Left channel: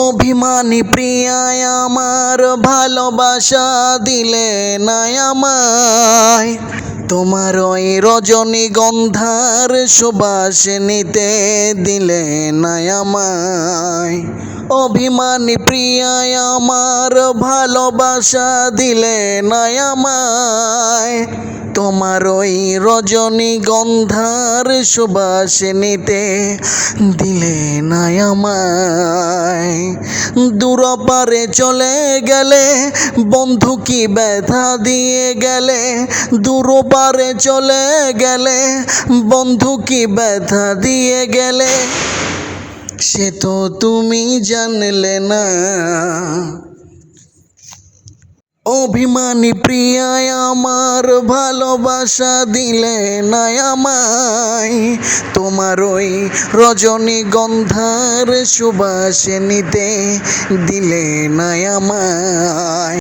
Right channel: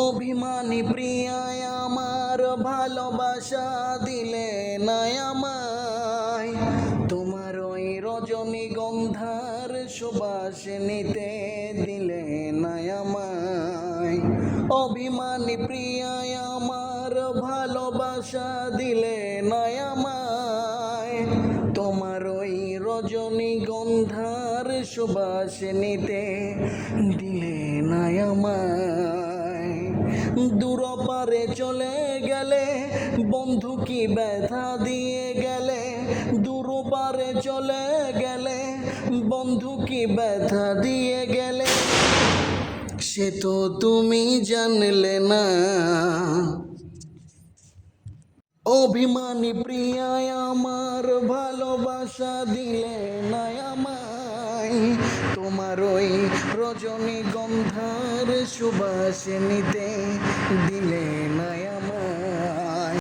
অভিমানী প্রিয়ায় আমার ভালোবাসা দিলে না আমায়, তোমার ওই রজনীগন্ধার সুবাস নিতে দিলে না আমায়। অভিমানী প্রিয়ায় আমার ভালোবাসা দিলে না আমায়, তোমার ওই রজনীগন্ধার সুবাস নিতে দিলে না আমায়। দূরপারে চলে গেলে বন্ধু কি ব্যথা দিয়ে গেলে, দূরপারে চলে গেলে বন্ধু কি ব্যথা দিয়ে গেলে, সে তো তুমি জানলে না। অভিমানী প্রিয়ায় আমার ভালোবাসা দিলে না আমায়, তোমার ওই রজনীগন্ধার সুবাস নিতে দিলে না আমায়।